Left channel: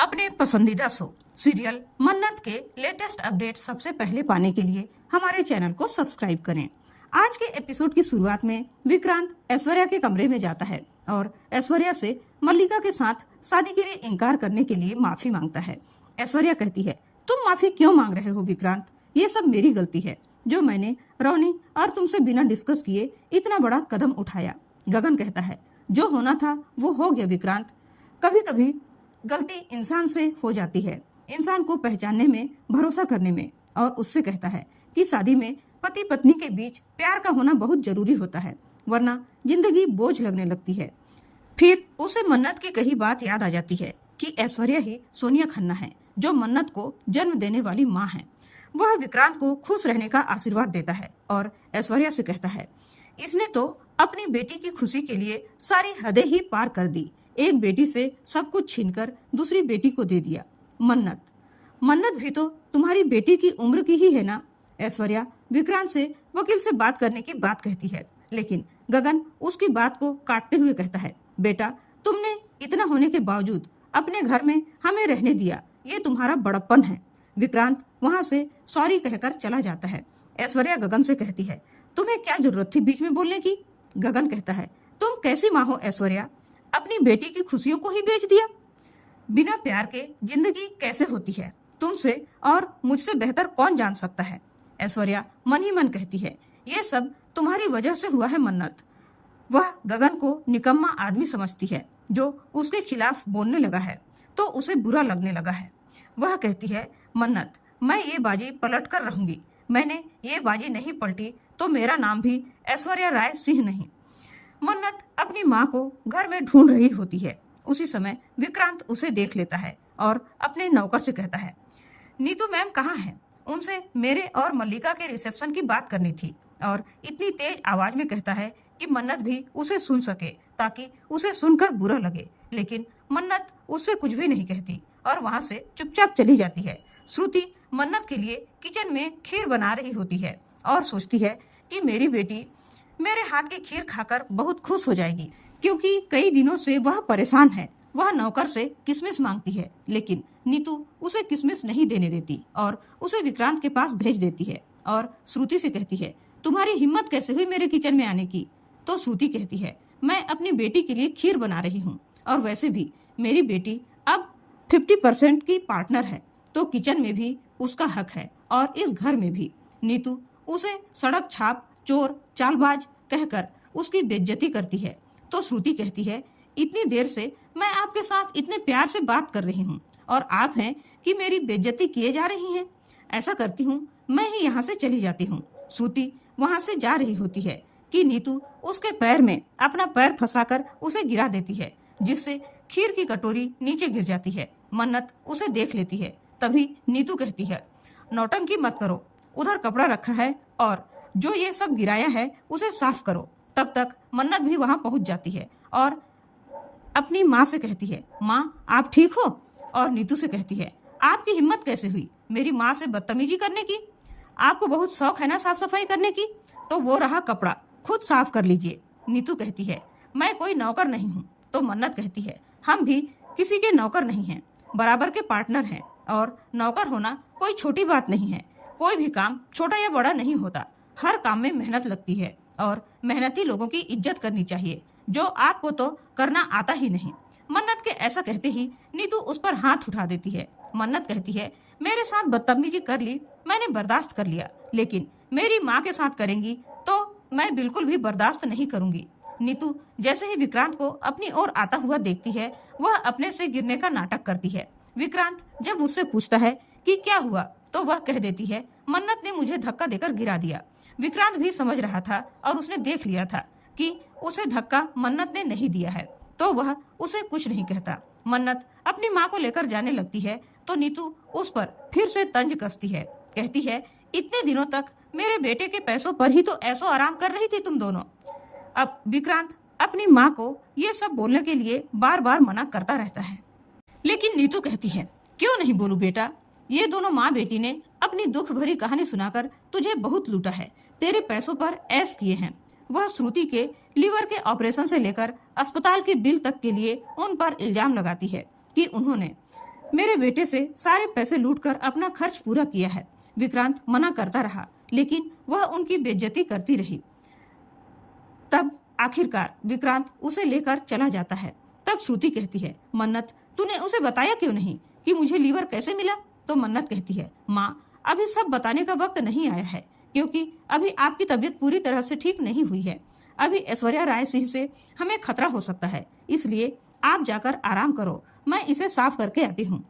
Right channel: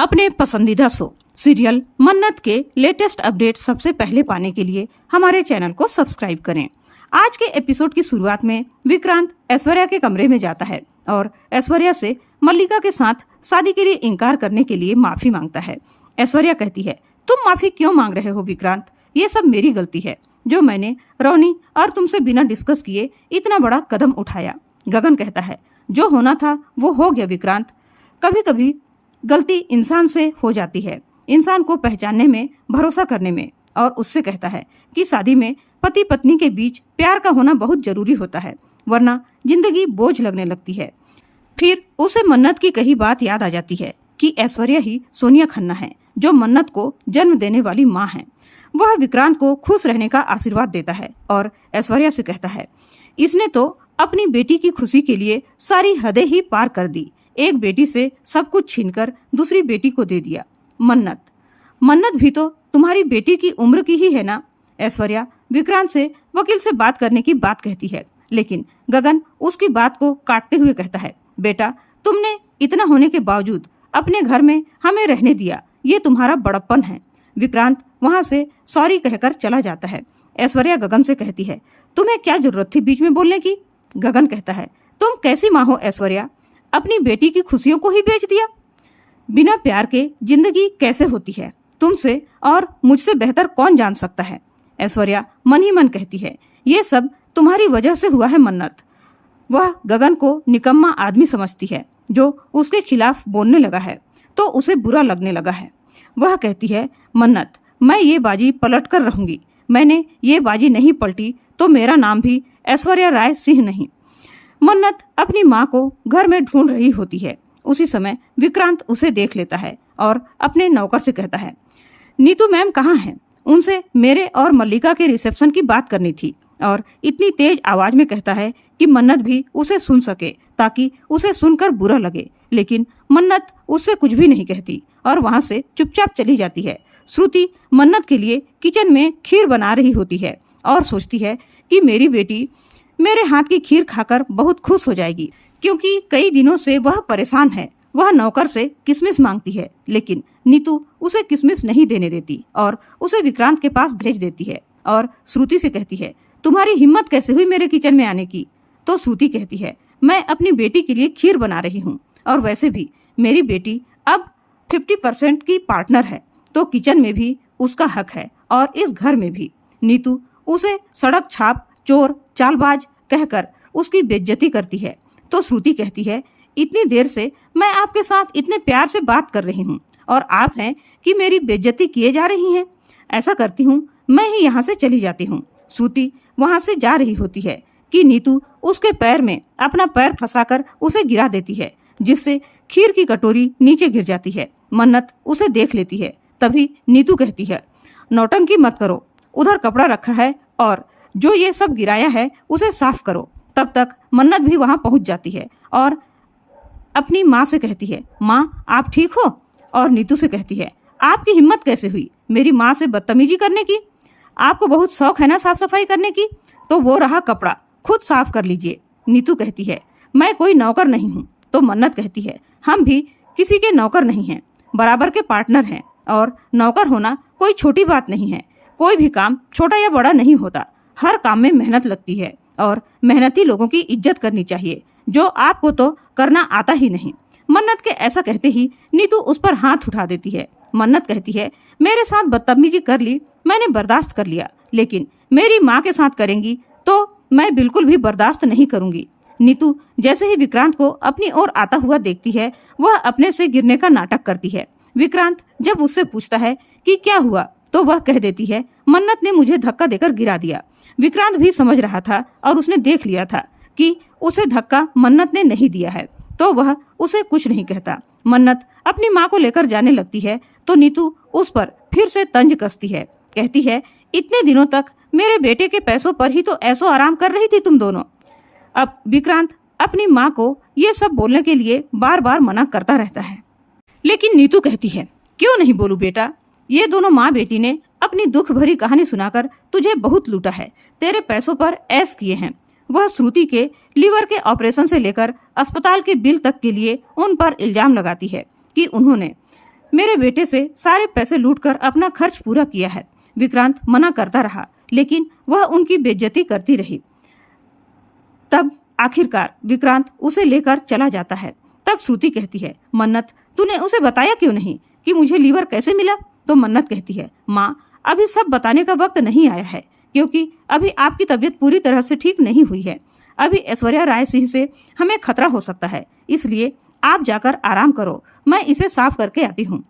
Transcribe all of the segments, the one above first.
अपने पसंदीदा show serial मन्नत के लेटेस्ट अपडेट सबसे पहले पाने के लिए हमारे चैनल को सब्सक्राइब करें। आज के एपिसोड की शुरुआत में विक्रांत ऐश्वर्या के कमरे में जाता है और ऐश्वर्या से मल्लिका के साथ शादी के लिए इनकार करने के लिए माफी मांगता है। ऐश्वर्या कहती है, तुम माफी क्यों मांग रहे हो विक्रांत? ये सब मेरी गलती है जो मैंने रोनी और तुमसे बिना डिस्कस किए इतना बड़ा कदम उठाया। गगन कहता है, जो होना था वो हो गया विक्रांत। कभी कभी गलती इंसान से हो जाती है, इंसान को पहचानने में, भरोसा करने में। और उससे कहता है कि शादी में पति पत्नी के बीच प्यार का होना बहुत जरूरी होता है, वरना जिंदगी बोझ लगने लगती है। फिर उसे मन्नत की कही बात याद आ जाती है कि ऐश्वर्या ही सोनिया खन्ना है जो मन्नत को जन्म देने वाली माँ है। वह विक्रांत को खुश रहने का आशीर्वाद देता है और ऐश्वर्या से कहता है, इसने तो अपनी बेटी की खुशी के लिए सारी हदें ही पार कर दी। एक बेटी से सब कुछ छीनकर दूसरी बेटी को दे दिया। मन्नत भी तो तुम्हारी बेटी की उम्र की ही है ना? ऐश्वर्या विक्रांत से वकील से बात करने की बात कहती है, लेकिन गगन उसकी बात को काटते हुए कहता है, बेटा तुमने इतना होने के बावजूद अपने घर में हमें रहने दिया, ये तुम्हारा बड़प्पन है। विक्रांत वहां से सॉरी कहकर चला जाता है। ऐश्वर्या गगन से कहती है, तुम्हें क्या जरूरत थी बीच में बोलने की? गगन कहता है, तुम कैसी माँ हो ऐश्वर्या, अपनी बेटी की खुशियों को ही बेच दिया। बिना प्यार के जिंदगी कैसे होती है तुमसे और मुझसे बेहतर कौन जान सकता है। ऐश्वर्या मन ही मन कहती है, ये सब तुम्हारी वजह से हुआ है मन्नत। वह गगन को निकम्मा आदमी समझती है जो उसके खिलाफ बोलने लगा है तो उसे बुरा लगने लगा है। वह कहती है, मन्नत मैं ये बाजी पलट कर रहूंगी, मैंने ये बाजी नहीं पलटी तो मेरा नाम भी ऐश्वर्या राय सिंह नहीं। मन्नत अपनी माँ को घर में ढूंढ रही होती है। उसी समय विक्रांत उसे देख लेता है और अपने नौकर से कहता है, नीतू मैम कहाँ हैं? उनसे मेरे और मल्लिका के रिसेप्शन की बात करनी थी। और इतनी तेज आवाज में कहता है कि मन्नत भी उसे सुन सके ताकि उसे सुनकर बुरा लगे। लेकिन मन्नत उससे कुछ भी नहीं कहती और वहां से चुपचाप चली जाती है। श्रुति मन्नत के लिए किचन में खीर बना रही होती है और सोचती है कि मेरी बेटी मेरे हाथ की खीर खाकर बहुत खुश हो जाएगी, क्योंकि कई दिनों से वह परेशान है। वह नौकर से किशमिश मांगती है, लेकिन नीतू उसे किशमिश नहीं देने देती और उसे विक्रांत के पास भेज देती है। और श्रुति से कहती है, तुम्हारी हिम्मत कैसे हुई मेरे किचन में आने की? तो श्रुति कहती है, मैं अपनी बेटी के लिए खीर बना रही हूँ और वैसे भी मेरी बेटी अब 50% की पार्टनर है, तो किचन में भी उसका हक है और इस घर में भी। नीतू उसे सड़क छाप, चोर, चालबाज कहकर उसकी बेइज्जती करती है। तो श्रुति कहती है, इतनी देर से मैं आपके साथ इतने प्यार से बात कर रही हूँ और आप हैं कि मेरी बेइज्जती किए जा रही हैं। ऐसा करती हूँ मैं ही यहाँ से चली जाती हूँ। श्रुति वहाँ से जा रही होती है कि नीतू उसके पैर में अपना पैर फंसाकर उसे गिरा देती है, जिससे खीर की कटोरी नीचे गिर जाती है। मन्नत उसे देख लेती है। तभी नीतू कहती है, नौटंकी मत करो, उधर कपड़ा रखा है और जो ये सब गिराया है उसे साफ करो। तब तक मन्नत भी वहां पहुंच जाती है और अपनी माँ से कहती है, माँ आप ठीक हो? और नीतू से कहती है, आपकी हिम्मत कैसे हुई मेरी माँ से बदतमीजी करने की? आपको बहुत शौक है ना साफ सफाई करने की, तो वो रहा कपड़ा, खुद साफ कर लीजिए। नीतू कहती है, मैं कोई नौकर नहीं हूँ। तो मन्नत कहती है, हम भी किसी के नौकर नहीं हैं, बराबर के पार्टनर हैं और नौकर होना कोई छोटी बात नहीं है। कोई भी काम छोटा या बड़ा नहीं होता, हर काम में मेहनत लगती है और मेहनती लोगों की इज्जत करनी चाहिए, जो आपको तो करना आता ही नहीं। मन्नत के ऐसा कहते ही नीतू उस पर हाथ उठा देती है। मन्नत कहती है, मेरे साथ बदतमीजी कर ली, मैंने बर्दाश्त कर लिया, लेकिन मेरी माँ के साथ करेंगी तो मैं बिल्कुल भी बर्दाश्त नहीं करूंगी। नीतू जैसे ही विक्रांत को अपनी ओर आता हुआ देखती है, वह अपने से गिरने का नाटक करती है। विक्रांत जब उससे पूछता है कि क्या हुआ, तो वह कह देती है, मन्नत ने मुझे धक्का देकर गिरा दिया। विक्रांत भी समझ रहा था और उसने देख लिया था कि उसे धक्का मन्नत ने नहीं दिया है, तो वह उसे कुछ नहीं कहता। मन्नत अपनी माँ को लेकर जाने लगती है तो नीतू उस पर फिर से तंज कसती है। कहती है, इतने दिनों तक मेरे बेटे के पैसों पर ही तो ऐसो आराम कर रही थी तुम दोनों। अब विक्रांत अपनी माँ को ये सब बोलने के लिए बार बार मना करता रहता है, लेकिन नीतू कहती है, क्यों नहीं बोलूं बेटा, ये दोनों माँ बेटी ने अपनी दुख भरी कहानी सुनाकर तुझे बहुत लूटा है, तेरे पैसों पर ऐश किए हैं। वह श्रुति के लीवर के ऑपरेशन से लेकर अस्पताल के बिल तक के लिए उन पर इल्जाम लगाती है कि उन्होंने मेरे बेटे से सारे पैसे लूटकर अपना खर्च पूरा किया है। विक्रांत मना करता रहा, लेकिन वह उनकी बेइज्जती करती रही। तब आखिरकार विक्रांत उसे लेकर चला जाता है। तब श्रुति कहती है, मन्नत तूने उसे बताया क्यों नहीं कि मुझे लीवर कैसे मिला? तो मन्नत कहती है, माँ अभी सब बताने का वक्त नहीं आया है, क्योंकि अभी आपकी तबीयत पूरी तरह से ठीक नहीं हुई है। अभी ऐश्वर्या राय सिंह से हमें खतरा हो सकता है, इसलिए आप जाकर आराम करो, मैं इसे साफ करके आती हूँ।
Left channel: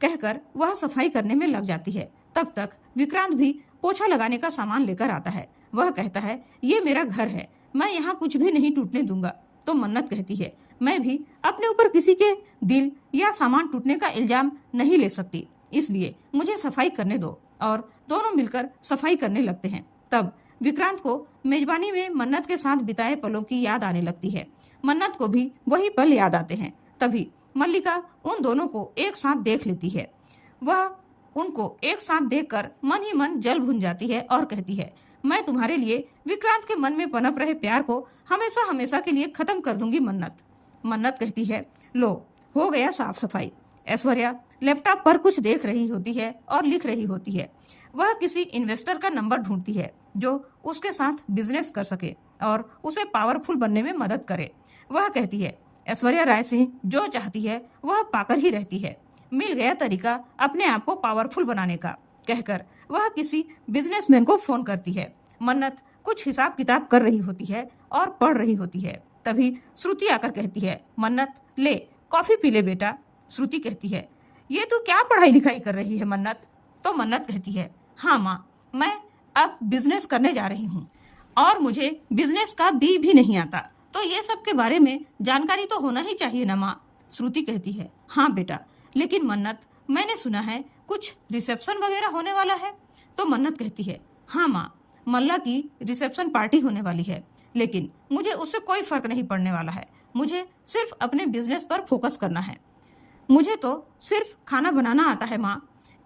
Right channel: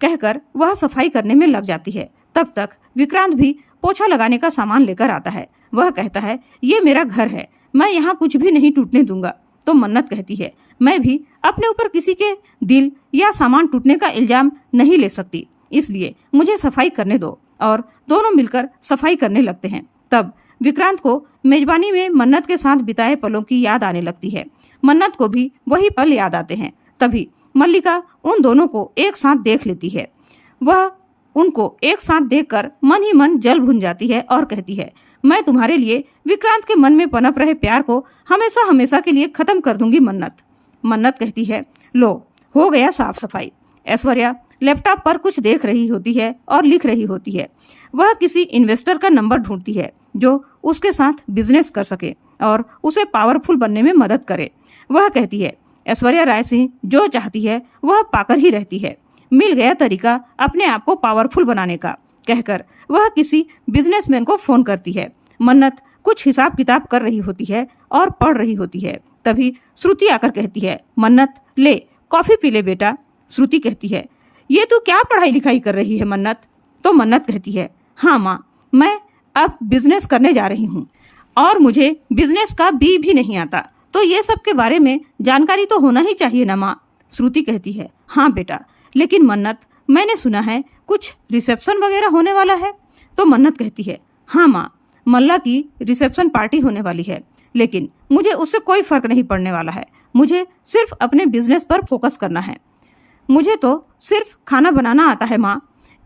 कहकर वह सफाई करने में लग जाती है। तब तक विक्रांत भी पोछा लगाने का सामान लेकर आता है। वह कहता है, ये मेरा घर है, मैं यहाँ कुछ भी नहीं टूटने दूंगा। तो मन्नत कहती है, मैं भी अपने ऊपर किसी के दिल या सामान टूटने का इल्जाम नहीं ले सकती, इसलिए मुझे सफाई करने दो। और दोनों मिलकर सफाई करने लगते हैं। तब विक्रांत को मेजबानी में मन्नत के साथ बिताए पलों की याद आने लगती है। मन्नत को भी वही पल याद आते हैं। तभी मल्लिका उन दोनों को एक साथ देख लेती है। वह उनको एक साथ देखकर मन ही मन जल भुन जाती है और कहती है, मैं तुम्हारे लिए विक्रांत के मन में पनप रहे प्यार को हमेशा हमेशा के लिए खत्म कर दूंगी मन्नत। मन्नत कहती है, लो हो गया साफ सफाई। ऐश्वर्या लैपटॉप पर कुछ देख रही होती है और लिख रही होती है। वह किसी इन्वेस्टर का नंबर ढूंढती है जो उसके साथ बिजनेस कर सके और उसे पावरफुल बनने में मदद करे। वह कहती है, ऐश्वर्या राय सिंह जो चाहती है वह पाकर ही रहती है, मिल गया तरीका अपने आप को पावरफुल बनाने का। कहकर वह किसी बिजनेसमैन को फोन करती है। मन्नत कुछ हिसाब किताब कर रही होती है और पढ़ रही होती है। तभी श्रुति आकर कहती है, मन्नत ले कॉफी पी ले बेटा। श्रुति कहती है, ये तू क्या पढ़ाई लिखाई कर रही है मन्नत? तो मन्नत कहती है, हाँ माँ, मैं अब बिजनेस करने जा रही हूँ और मुझे बिजनेस का बी भी नहीं आता, तो ये सब के बारे में जानकारी तो होना ही चाहिए ना माँ। श्रुति कहती है, हाँ बेटा, लेकिन मन्नत मैंने सुना है कुछ रिसेप्शन वगैरह होने वाला है। तो मन्नत कहती है, हाँ माँ, मल्ला की रिसेप्शन पार्टी होने वाली है, लेकिन मुझे उससे कोई फर्क नहीं पड़ने वाला है। मुझे सिर्फ अपने बिजनेस पर फोकस करना है। मुझे तो सिर्फ खाना बनाना आता है माँ,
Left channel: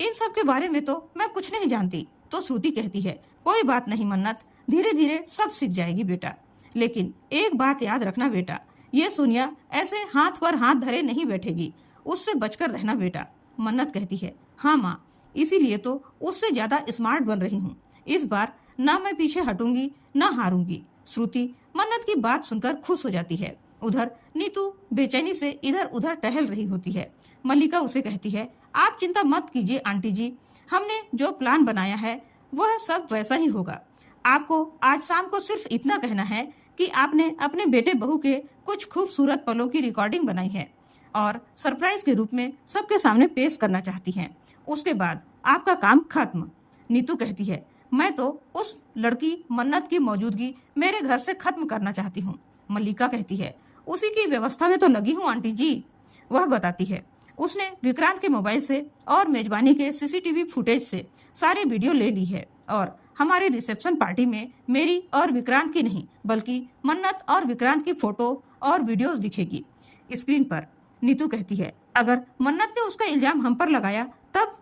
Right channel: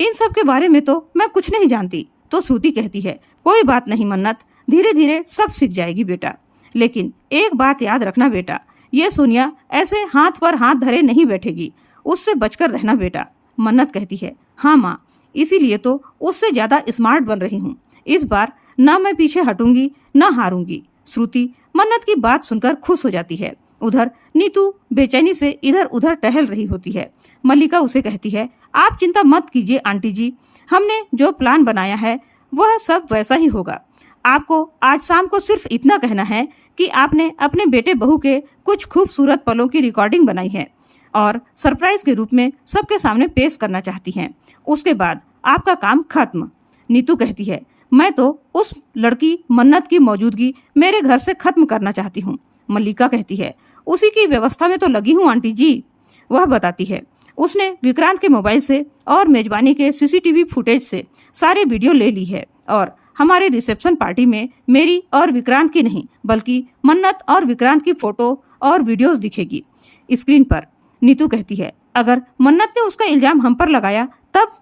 इन सब के बारे में तो मैं कुछ नहीं जानती। तो श्रुति कहती है, कोई बात नहीं मन्नत, धीरे धीरे सब सीख जाएगी बेटा। लेकिन एक बात याद रखना बेटा, ये सोनिया ऐसे हाथ पर हाथ धरे नहीं बैठेगी, उससे बचकर रहना बेटा। मन्नत कहती है, हाँ माँ, इसीलिए तो उससे ज्यादा स्मार्ट बन रही हूँ। इस बार ना मैं पीछे हटूंगी ना हारूंगी। श्रुति मन्नत की बात सुनकर खुश हो जाती है। उधर नीतू बेचैनी से इधर उधर टहल रही होती है। मल्लिका उसे कहती है, आप चिंता मत कीजिए आंटी जी, हमने जो प्लान बनाया है वह सब वैसा ही होगा। आपको आज शाम को सिर्फ इतना कहना है कि आपने अपने बेटे बहू के कुछ खूबसूरत पलों की रिकॉर्डिंग बनाई है और सरप्राइज के रूप में सबके सामने पेश करना चाहती हैं। उसके बाद आपका काम खत्म। नीतू कहती है, मैं तो उस लड़की मन्नत की मौजूदगी मेरे घर से खत्म करना चाहती हूँ। मल्लिका कहती है, उसी की व्यवस्था में तो लगी हूँ आंटी जी। वह बताती है, उसने विक्रांत के मोबाइल से और मेजबानी के सीसीटीवी फुटेज से सारे वीडियो ले ली है और हमारे रिसेप्शन पार्टी में मेरी और विक्रांत की नहीं बल्कि मन्नत और विक्रांत की फोटो और वीडियोस दिखेगी स्क्रीन पर। नीतू कहती है, अगर मन्नत ने उसका इल्जाम हम पर लगाया तब?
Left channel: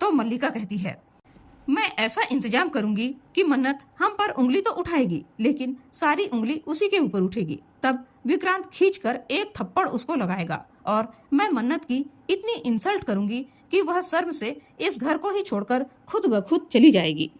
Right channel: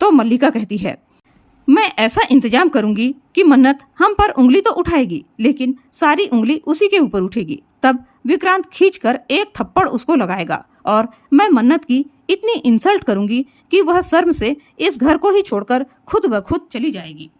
तो मल्लिका कहती है, मैं ऐसा इंतजाम करूंगी कि मन्नत हम पर उंगली तो उठाएगी, लेकिन सारी उंगली उसी के ऊपर उठेगी। तब विक्रांत खींचकर एक थप्पड़ उसको लगाएगा और मैं मन्नत की इतनी इंसल्ट करूंगी कि वह शर्म से इस घर को ही छोड़कर खुद ब खुद चली जाएगी।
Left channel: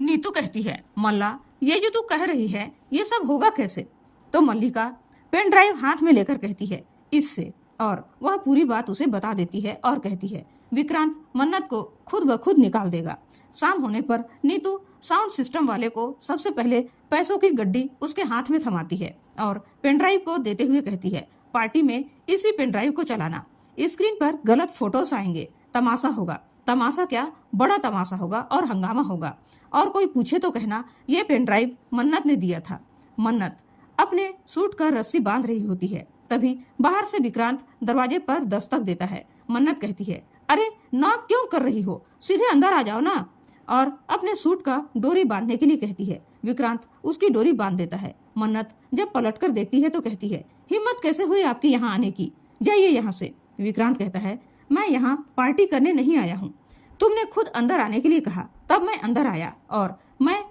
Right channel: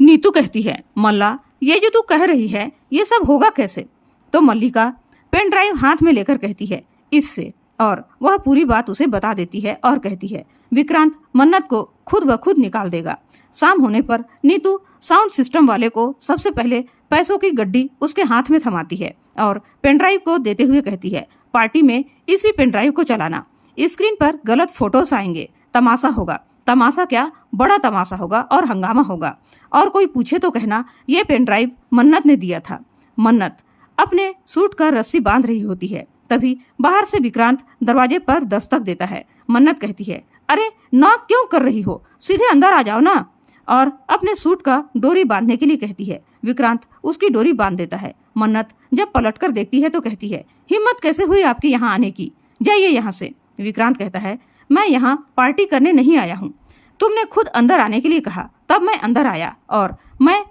नीतू कहती है, मल्ला, ये जो तू कह रही है ये सब होगा कैसे? तो मल्लिका पेन ड्राइव हाथ में लेकर कहती है, इससे। और वह पूरी बात उसे बता देती है और कहती है, विक्रांत मन्नत को खुद ब खुद निकाल देगा। शाम होने पर नीतू साउंड सिस्टम वाले को सबसे पहले पैसों की गड्डी उसके हाथ में थमाती है और पेनड्राइव को देते हुए कहती है, पार्टी में इसी पेनड्राइव को चलाना। स्क्रीन पर गलत फोटोस आएंगे, तमाशा होगा। तमाशा क्या, बड़ा तमाशा होगा और हंगामा होगा। और कोई पूछे तो कहना ये पेनड्राइव मन्नत ने दिया था। मन्नत अपने सूट का रस्सी बांध रही होती है। तभी बाहर से विक्रांत दरवाजे पर दस्तक देता है। मन्नत कहती है, अरे नॉक क्यों कर रही हो, सीधे अंदर आ जाओ ना। और अपने सूट का डोरी बांधने के लिए कहती है। विक्रांत उसकी डोरी बांध देता है। मन्नत जब पलटकर देखती है तो कहती है, हिम्मत कैसे हुई आपकी यहाँ आने की, जाइए यहाँ से। विक्रांत कहता है, मैं यहाँ पार्टी करने नहीं आया हूँ, तुमने खुद अंदर आने के लिए कहा तब मैं अंदर आया और मैं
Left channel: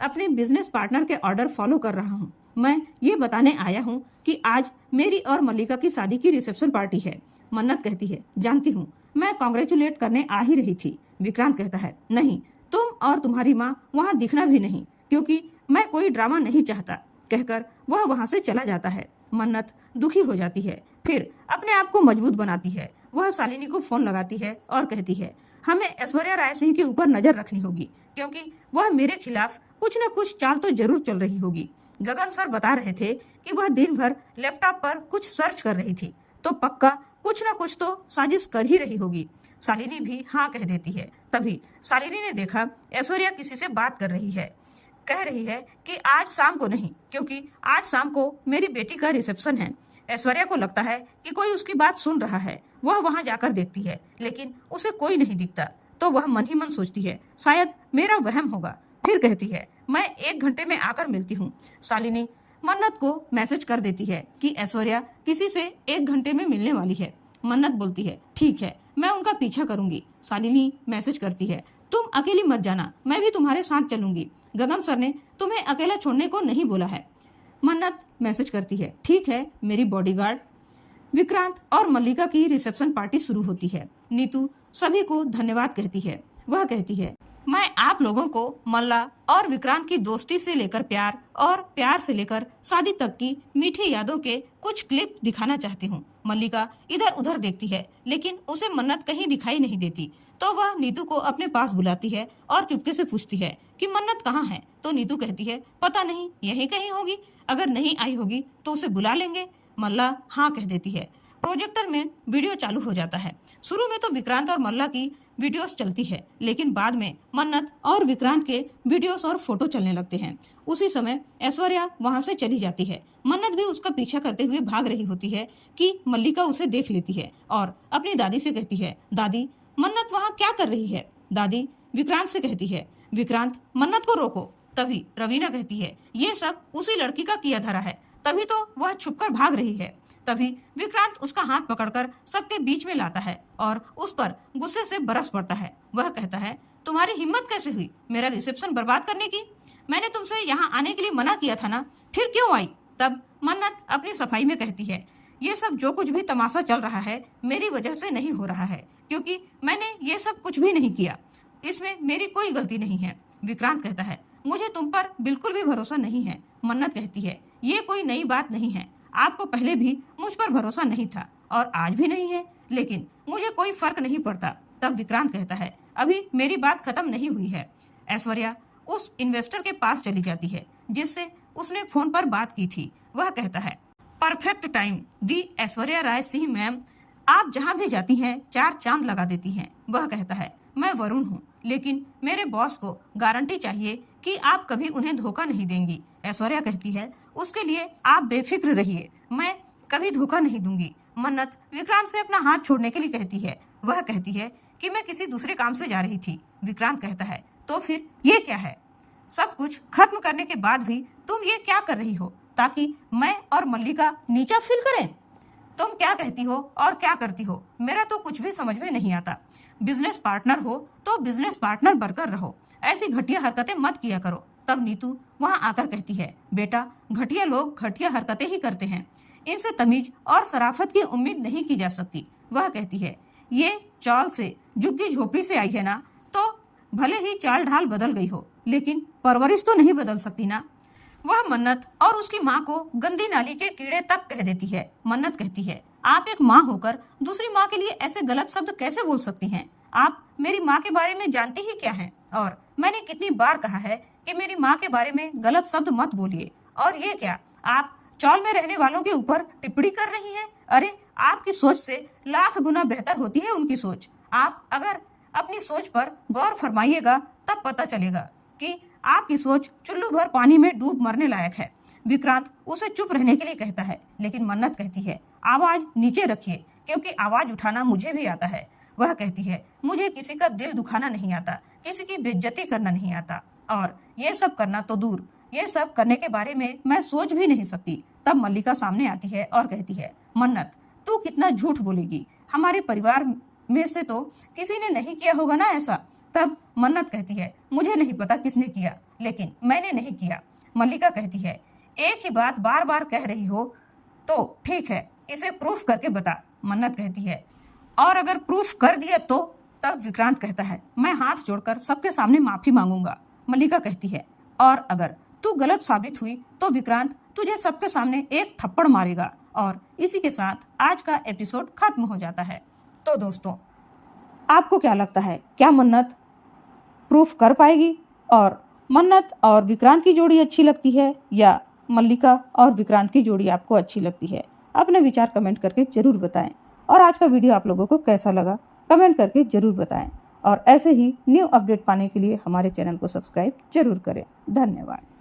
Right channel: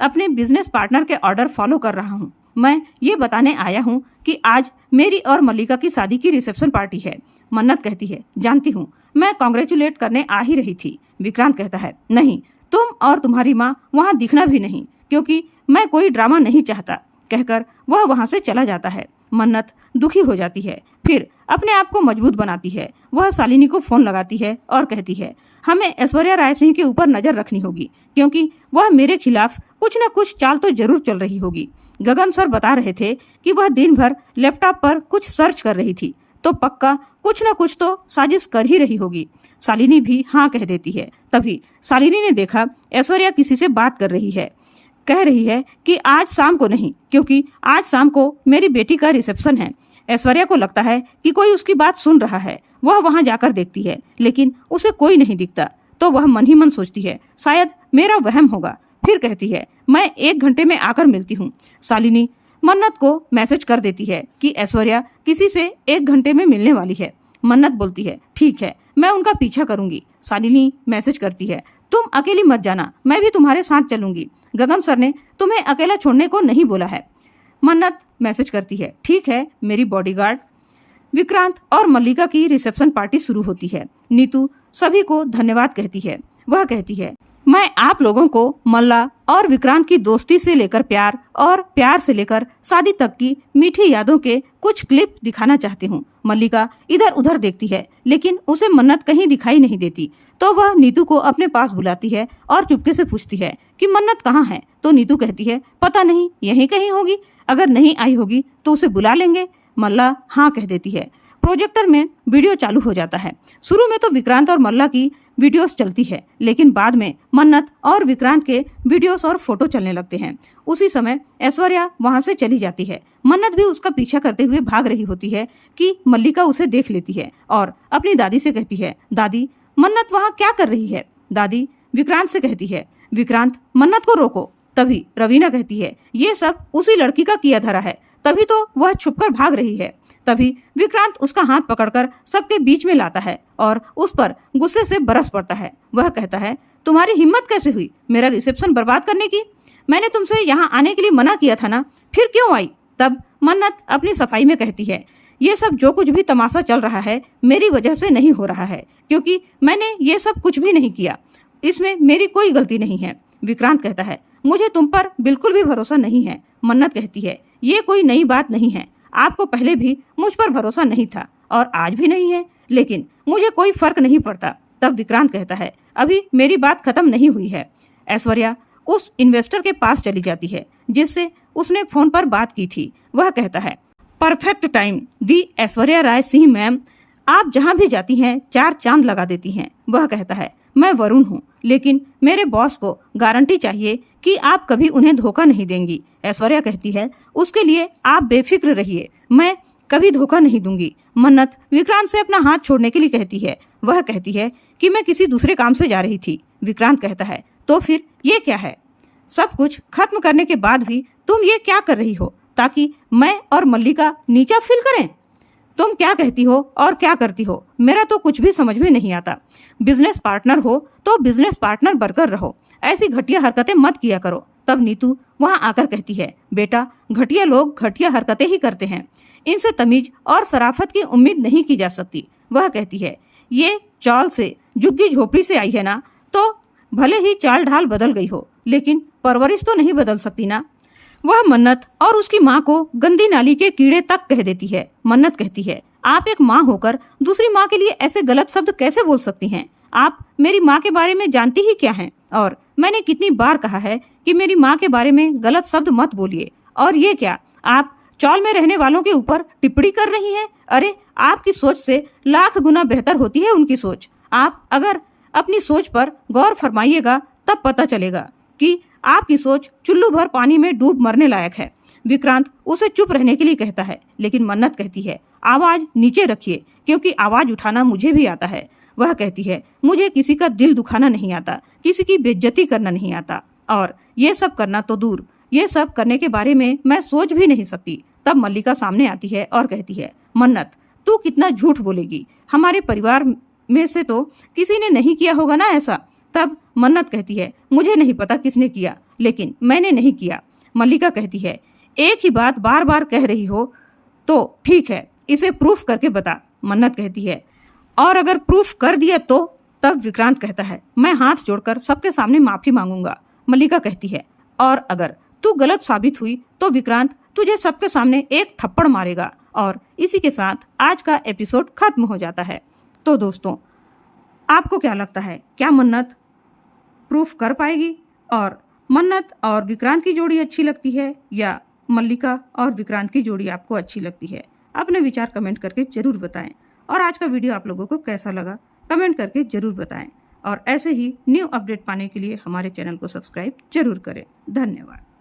अपने बिजनेस पार्टनर के ऑर्डर फॉलो कर रहा हूँ। मैं ये बताने आया हूँ कि आज मेरी और मल्लिका की शादी की रिसेप्शन पार्टी है। मन्नत कहती है, जानती हूँ, मैं कॉन्ग्रेचुलेट करने आ ही रही थी। विक्रांत कहता है, नहीं, तुम और तुम्हारी माँ वहाँ दिखना भी नहीं, क्योंकि मैं कोई ड्रामा नहीं चाहता। कहकर वह वहाँ से चला जाता है। मन्नत दुखी हो जाती है, फिर अपने आप को मजबूत बनाती है। वह शालिनी को फोन लगाती है और कहती है, हमें ऐश्वर्या राय सिंह के ऊपर नजर रखनी होगी, क्योंकि वह मेरे खिलाफ कुछ न कुछ चाल तो जरूर चल रही होगी। गगन सर बता रहे थे कि वह दिन भर लैपटॉप पर कुछ सर्च कर रही थी, तो पक्का कुछ न कुछ तो साजिश कर ही रही होगी। शालिनी भी हाँ कह देती है। तभी शालिनी ने देखा ऐश्वर्या किसी से बात कर रही है। कह रही है कि आज शाम को नहीं, क्योंकि आज शाम को मेरी बेटी का रिसेप्शन है। ऐश्वर्या को लगता है कि कोई उसकी बात सुन रहा है। वह वहां जाकर देखती है, लेकिन उसे कोई नहीं दिखता, तो वह मन ही मन सोचती है, शायद मेरा वहम होगा। फिर कहती है, मैं 1 घंटे में आकर मिलती हूँ। शालिनी मन्नत को मैसेज कर देती है कि ऐश्वर्या किसी से 1 घंटे में मिलने वाली है। मन्नत बोलती है, ठीक है, मैं उनका पीछा करूंगी। शालिनी मैसेज करती है, तुम अकेली मत जाना, मैं भी तुम्हारे साथ चलूंगी। गगन सर ने तुम्हें अकेला छोड़ने को नहीं बोला है। मन्नत मैसेज करती है, ठीक है मेरी बॉडीगार्ड। विक्रांत और मल्लिका की रिसेप्शन पार्टी शुरू होती है। नीतू सभी को धन्यवाद कहती है। वह कहती है, मैं आप लोगों को मल्ला और विक्रांत की दोस्ती से लेकर प्यार और प्यार से लेकर शादी तक की मीठी यादों के कुछ क्लिप दिखाना चाहती हूँ। मल्लिका इधर उधर देखती है, लेकिन उसे मन्नत कहीं दिखाई नहीं देती, तो वह नीतू को अपने पास बुलाती है और चुपके से पूछती है कि मन्नत कहाँ है। तो नीतू कहती है, पता नहीं, यहीं कहीं होगी, अगर नहीं आई होगी तो उसे बुला लेंगे। मल्ला हाँ कह देती है। प्रोजेक्टर में वीडियो चालू हो जाता है। शुरू में तो विक्रांत और मल्ला की वीडियोस चलती है, लेकिन बाद में मन्नत और विक्रांत के वीडियोस और फोटो चलने लगते हैं। उसी समय ऐश्वर्या वहां से चली जाती है। मन्नत भी उसका पीछा करते हुए भाग रही होती है कि मल्लिका उसे देख लेती है और अपनी दादी से कहती है, दादी मन्नत वहाँ क्या कर रही है। दादी विक्रांत से कहती है, विक्रांत मन्नत को रोको। तभी रवीना कहती है, ये सब उसी लड़की का किया धरा है, तभी तो वह छुपकर भाग रही है। तभी विक्रांत उसका हाथ पकड़कर सबके बीच में लाता है और उस पर गुस्से से बरस पड़ता है। वह कहता है, तुम्हारी हिम्मत कैसे हुई मेरा रिसेप्शन बर्बाद करने की? मैंने तुमसे यहाँ आने के लिए मना किया था ना, फिर क्यों आई? तब मन्नत अपनी सफाई में कहती है, ये सब जो कुछ भी तमाशा चल रहा है मेरी वजह से नहीं हो रहा है, क्योंकि मैंने ये सब कुछ भी नहीं किया, इसमें मेरी कोई गलती नहीं है। विक्रांत कहता है, मुझे तुम पर बिल्कुल भी भरोसा नहीं है। मन्नत कहती है, ये कोई नई बात नहीं है, आपको पहले भी मुझ पर भरोसा नहीं था और आज भी नहीं है, लेकिन मुझे कोई फर्क नहीं पड़ता। तब विक्रांत कहता है, अभी मेरी बात खत्म नहीं हुई है। ऐश्वर्या उस इन्वेस्टर के पास चली जाती है जिससे उसने फोन पर बात की थी। वह कहता है, परफेक्ट टाइम दी ऐश्वर्या राय सिंह मैम, आप जहाँ भी जाती हैं 4 चांद लगा देती हैं। वह कहता है, मैं वरुण हूँ, लेकिन मेरे बॉस को गारंटी चाहिए कि आप कभी उन्हें धोखा नहीं देंगी। ऐश्वर्या कहती है, उसके लिए आप बेफिक्र रहिए, मैं कभी धोखा नहीं दूंगी। मन्नत विक्रांत से अपना हाथ छोड़ने के लिए कहती है। वह कहती है कि मैं किसी दूसरे काम से जा रही थी। विक्रांत कहता है, तो फिर ये क्या है? सब कुछ खत्म करने के बाद भी तुम ये क्या कर रही हो ताकि मैं और मल्लिका नीचा फील करें? तुम क्या कहती हो और क्या करती हो, मेरा तो कुछ भी समझ में नहीं आता। बिजनेस पार्टनर हो तो बिजनेस पार्टनर बनकर रहो, ऐसी घटिया हरकतें मत किया करो। तब नीतू वहां आकर कहती है, बेटा घटिया लोग घटिया हरकतें ही करते हैं, इनसे तमीज और शराफत की उम्मीद नहीं की जा सकती। वह कहती है, ये चाल से झुग्गी झोपड़ी से आई है ना, तो भले ही चाल ढाल बदल गई हो, लेकिन परवरिश तो नहीं बदल सकती ना। वह मन्नत और उसकी माँ को गंदी नाली के कीड़े तक कह देती है। मन्नत कहती है, आप एक माँ होकर दूसरी माँ के लिए ऐसे गलत शब्द कैसे बोल सकती हैं? आप मेरी माँ के बारे में जानती ही क्या हैं? और मैंने कितनी बार कहा है कि मेरी माँ के बारे में गलत शब्द मत बोलिए। और ये क्या, आप चौल में रहने वालों के ऊपर टिप्पणी कर रही हैं? अरे आपकी सोच से लाख गुना बेहतर होती है उनकी सोच। आप अगर अपनी सोच पर गौर फरमाइएगा तब पता चलेगा कि आपकी सोच चुल्लू भर पानी में डूब मरने लायक है। विक्रांत उसे चुप रहने के लिए कहता है, लेकिन मन्नत कहती है, आवाज नीचे रखिए, क्योंकि आवाज उठाना मुझे भी आता है। वह कहती है, मुझे किसी का दिल दुखाना नहीं आता, किसी की बेइज्जती करना नहीं आता, और ये सब करना तो दूर, ये सब करने के बारे में मैं सोच भी नहीं सकती। तब मल्लिका सामने आती है और कहती है, मन्नत तू कितना झूठ बोलेगी, हमारे परिवार में से तो किसी ने नहीं किया होगा ना ऐसा। तब मन्नत कहती है, मुझे नहीं पता किसने किया, लेकिन मैंने नहीं किया। मल्लिका कहती है, एक ही बात बार बार कह रही हो तो ठीक है, इसे प्रूफ करके बता, मन्नत कहती है। और अगर प्रूफ कर दिया तो? तब विक्रांत कहता है, मैं हाथ जोड़कर सबके सामने माफी मांगूंगा। मल्लिका कहती है, और अगर तू गलत साबित हुई तो विक्रांत तुझे सबके सामने एक थप्पड़ मारेगा। और इसी के साथ आज का एपिसोड खत्म हो जाता है। तो दोस्तों, आपको क्या लगता है, क्या मन्नत प्रूफ कर पाएगी? और मन्नत और विक्रांत की जोड़ी अच्छी लगती है या मल्लिका और विक्रांत की जोड़ी आपको अच्छी लगती है? अपने विचार कमेंट करके जरूर बताएं। और आज का वीडियो आप लोगों को कैसा लगा कमेंट करके जरूर बताएं। और ऐसे ही न्यू अपडेट पाने के लिए हमारे चैनल को सब्सक्राइब जरूर करें। धन्यवाद।